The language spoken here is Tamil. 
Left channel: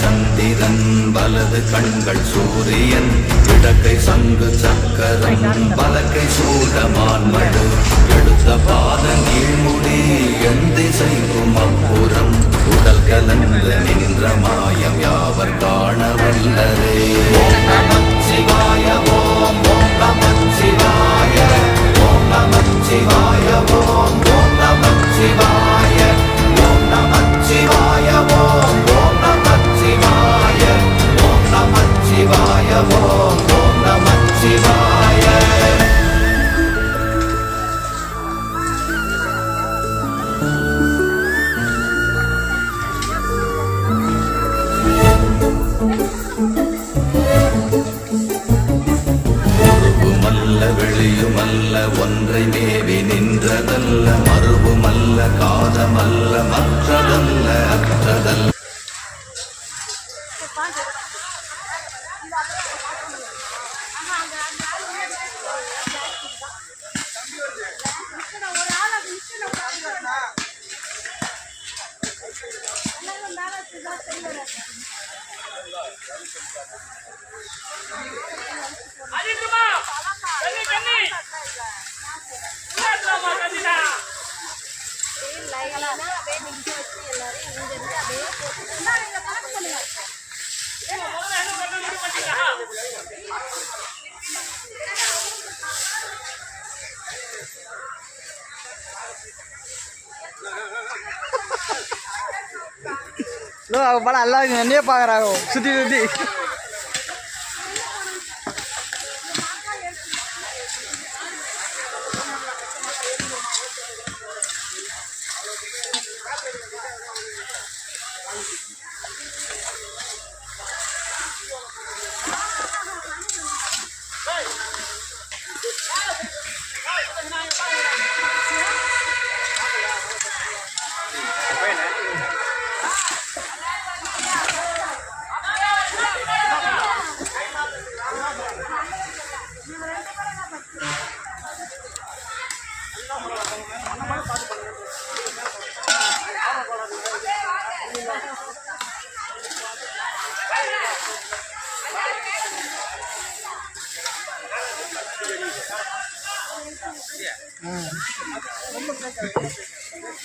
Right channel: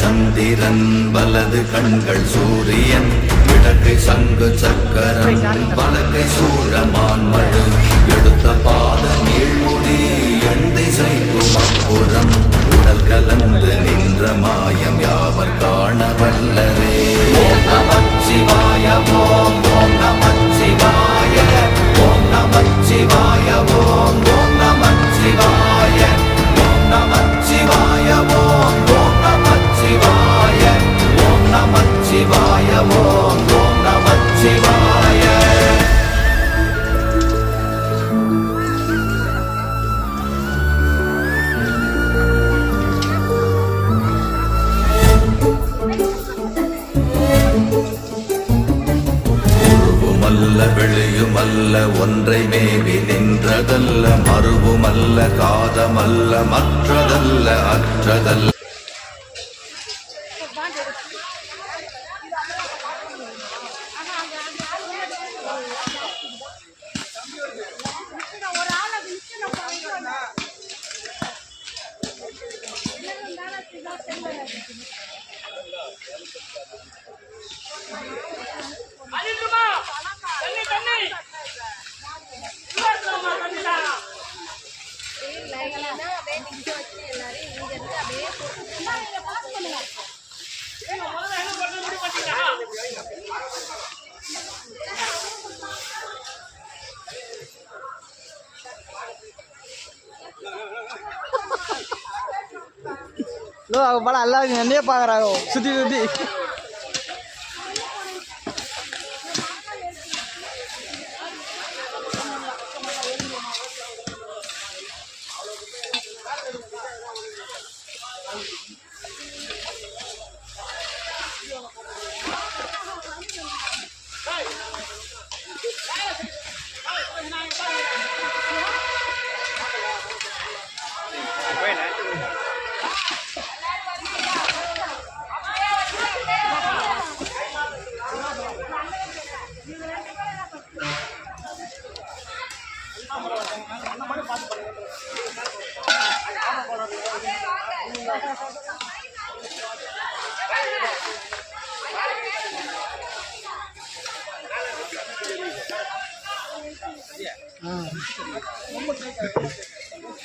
சந்திரன் வலது கண்கள் சூரியன் இடக்கை சங்கு சக்கரம் வலக்கை சூழமான் மழு எடுத்த பாத நீழ்முடி என் திசைக்கும் அப்புறம் உடல் கலந்து நின்ற மாயம் யாவர் காண வல்லரே. ஓம் நமச்சிவாய ஓம் ஓம் நமச்சிவாய ஓம் நமச்சிவாய ஓம் ஓம் நமச்சிவாய ஓம் நமச்சிவாய ஓம் ஓம் நமச்சிவாய ஓம் நமச்சிவாய ஓம் ஓம் நமச்சிவாய. வெளியுமல்ல ஒன்றை மேவி நின்றதல்ல மறுவுமல்ல காதமல்ல மற்றதல்ல அற்றதல்ல. படம் எல்லாரும் என்னையே பார்க்குறாங்க சுற்றி சுற்றி.